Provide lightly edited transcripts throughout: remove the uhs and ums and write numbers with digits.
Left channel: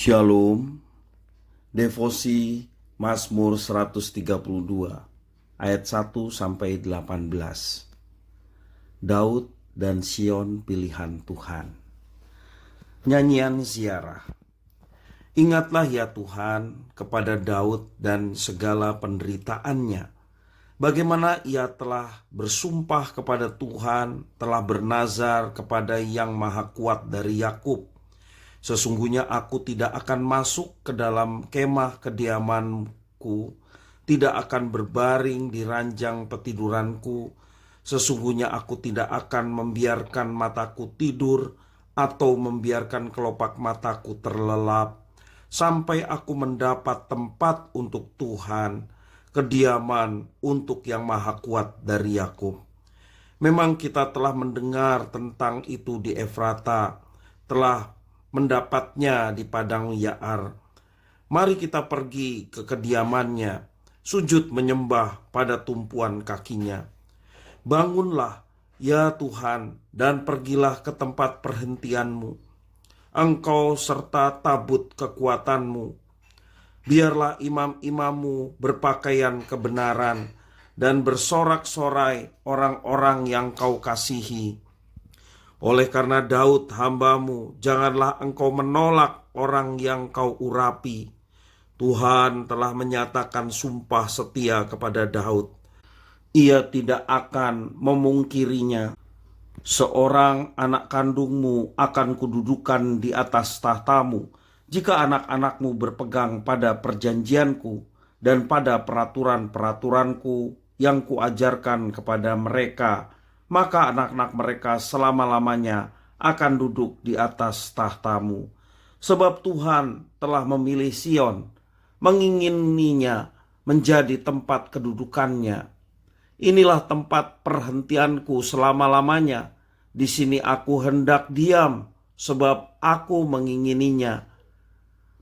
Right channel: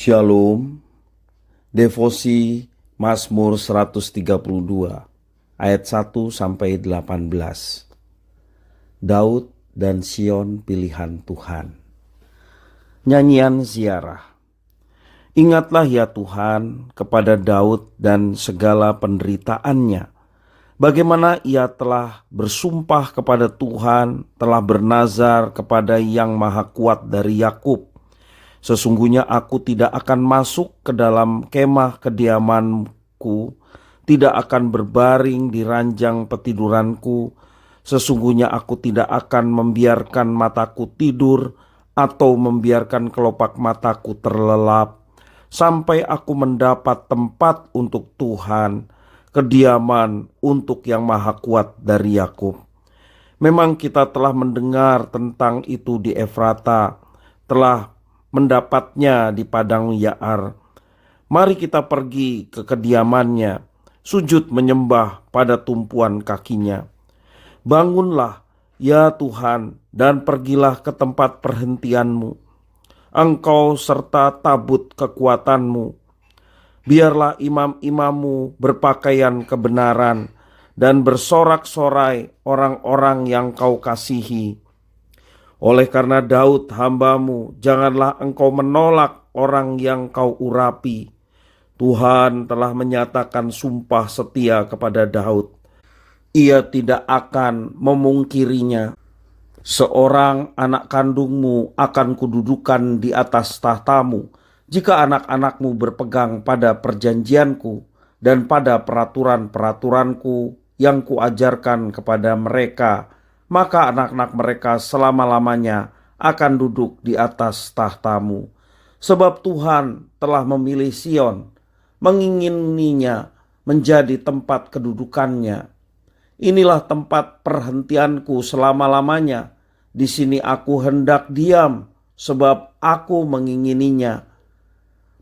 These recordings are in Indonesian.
Shalom, devosi Mazmur 132 ayat 1 sampai 18. Daud dan Sion pilihan Tuhan. Nyanyian ziarah. Ingatlah ya Tuhan kepada Daud dan segala penderitaannya, bagaimana ia telah bersumpah kepada Tuhan, telah bernazar kepada Yang Maha Kuat dari Yakub. Sesungguhnya aku tidak akan masuk ke dalam kemah kediamanku, tidak akan berbaring di ranjang petiduranku. Sesungguhnya aku tidak akan membiarkan mataku tidur atau membiarkan kelopak mataku terlelap, sampai aku mendapat tempat untuk Tuhan, kediaman untuk Yang Maha Kuat dari Yakub. Memang kita telah mendengar tentang itu di Efrata, telah mendapatnya di padang Yaar. Mari kita pergi ke kediamannya, sujud menyembah pada tumpuan kakinya. Bangunlah, ya Tuhan, dan pergilah ke tempat perhentianmu, Engkau serta tabut kekuatanmu. Biarlah imam-imammu berpakaian kebenaran dan bersorak-sorai orang-orang yang kau kasihi. Oleh karena Daud hambamu, janganlah engkau menolak orang yang kau urapi. Tuhan telah menyatakan sumpah setia kepada Daud. Ia tidak akan memungkirinya. Seorang anak kandungmu akan kududukan di atas tahtamu, jika anak-anakmu berpegang pada perjanjianku dan pada peraturan-peraturanku yang kuajarkan kepada mereka, maka anak-anak mereka selama-lamanya akan duduk di atas tahtamu. Sebab Tuhan telah memilih Sion, mengingininya menjadi tempat kedudukannya. Inilah tempat perhentianku selama-lamanya. Di sini aku hendak diam, sebab aku mengingininya.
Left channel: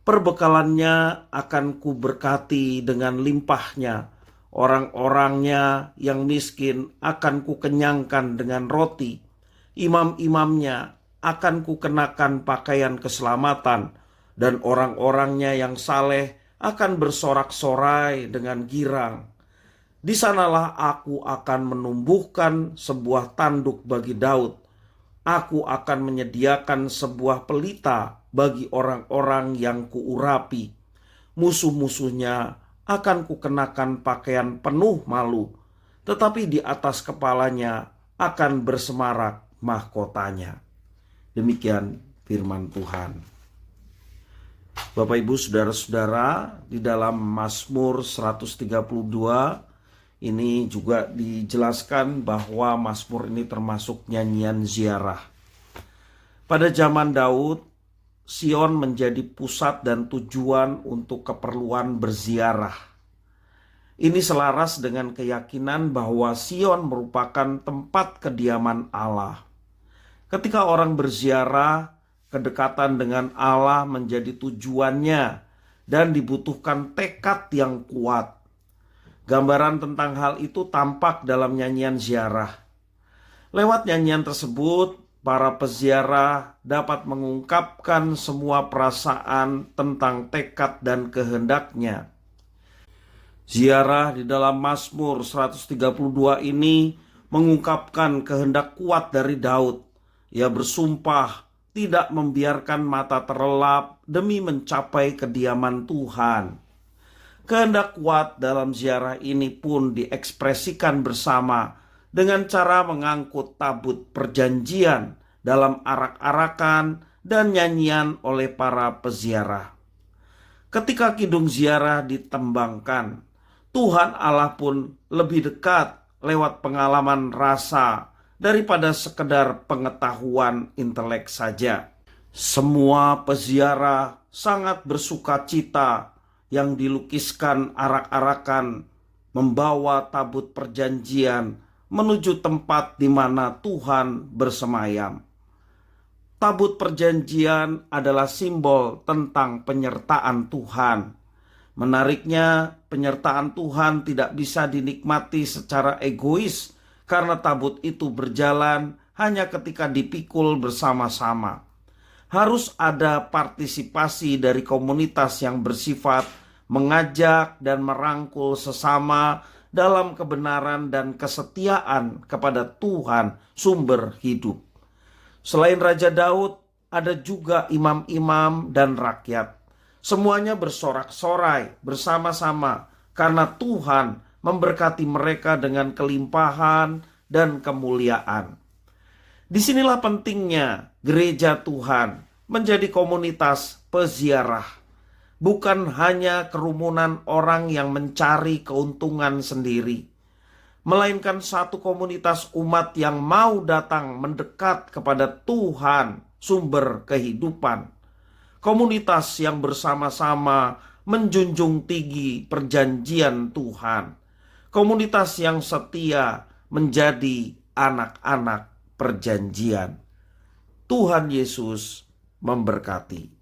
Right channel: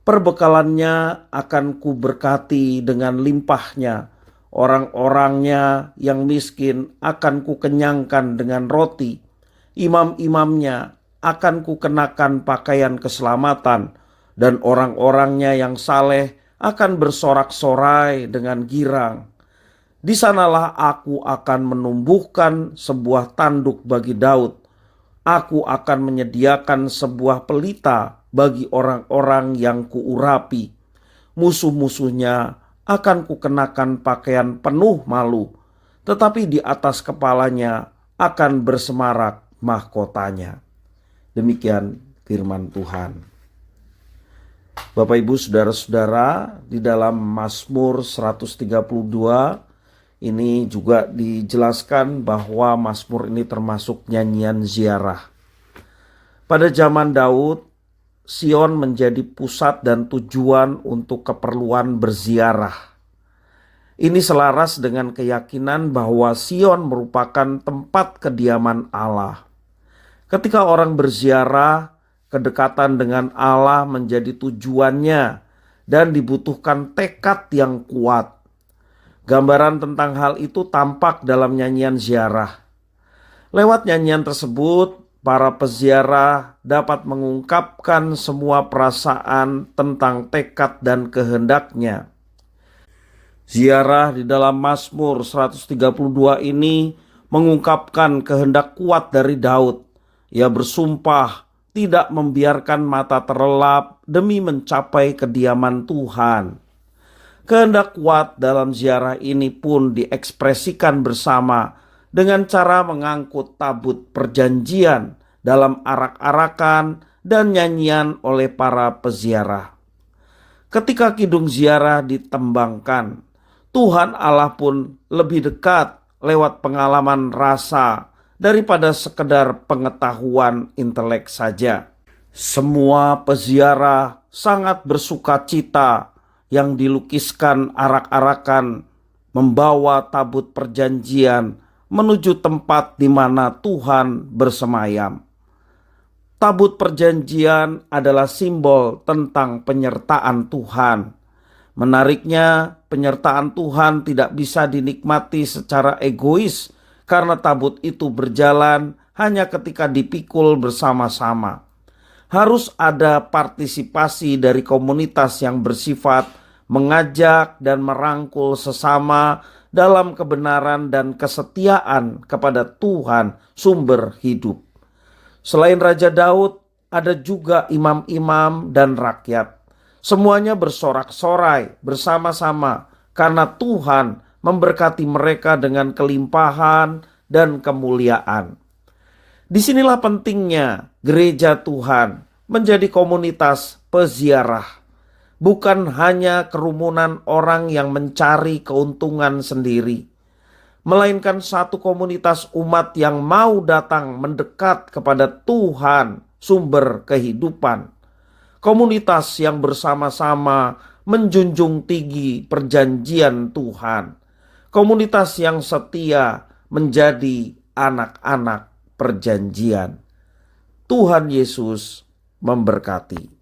Perbekalannya akan kuberkati dengan limpahnya. Orang-orangnya yang miskin akan kukenyangkan dengan roti. Imam-imamnya akan kukenakan pakaian keselamatan, dan orang-orangnya yang saleh akan bersorak-sorai dengan girang. Di sanalah aku akan menumbuhkan sebuah tanduk bagi Daud. Aku akan menyediakan sebuah pelita bagi orang-orang yang kuurapi. Musuh-musuhnya akan kukenakan pakaian penuh malu, tetapi di atas kepalanya akan bersemarak mahkotanya. Demikian firman Tuhan. Bapak Ibu saudara-saudara, di dalam Mazmur 132 ini juga dijelaskan bahwa Mazmur ini termasuk nyanyian ziarah. Pada zaman Daud, Sion menjadi pusat dan tujuan untuk keperluan berziarah. Ini selaras dengan keyakinan bahwa Sion merupakan tempat kediaman Allah. Ketika orang berziarah, kedekatan dengan Allah menjadi tujuannya dan dibutuhkan tekad yang kuat. Gambaran tentang hal itu tampak dalam nyanyian ziarah. Lewat nyanyian tersebut, para peziarah dapat mengungkapkan semua perasaan tentang tekad dan kehendaknya. Ziarah di dalam Mazmur 132 ini mengungkapkan kehendak kuat dari Daud. Ia bersumpah tidak membiarkan mata terlelap demi mencapai kediaman Tuhan. Kehendak kuat dalam ziarah ini pun diekspresikan bersama dengan cara mengangkut tabut perjanjian dalam arak-arakan dan nyanyian oleh para peziarah. Ketika kidung ziarah ditembangkan, Tuhan Allah pun lebih dekat lewat pengalaman rasa daripada sekedar pengetahuan intelek saja. Semua peziarah sangat bersukacita yang dilukiskan arak-arakan membawa tabut perjanjian menuju tempat di mana Tuhan bersemayam. Tabut perjanjian adalah simbol tentang penyertaan Tuhan. Menariknya, penyertaan Tuhan tidak bisa dinikmati secara egois karena tabut itu berjalan hanya ketika dipikul bersama-sama. Harus ada partisipasi dari komunitas yang bersifat mengajak dan merangkul sesama dalam kebenaran dan kesetiaan kepada Tuhan sumber hidup. Selain Raja Daud, ada juga imam-imam dan rakyat. Semuanya bersorak-sorai bersama-sama karena Tuhan memberkati mereka dengan kelimpahan dan kemuliaan. Disinilah pentingnya gereja Tuhan menjadi komunitas peziarah, bukan hanya kerumunan orang yang mencari keuntungan sendiri, melainkan satu komunitas umat yang mau datang mendekat kepada Tuhan, sumber kehidupan. Komunitas yang bersama-sama menjunjung tinggi perjanjian Tuhan. Komunitas yang setia menjadi anak-anak perjanjian. Tuhan Yesus memberkati.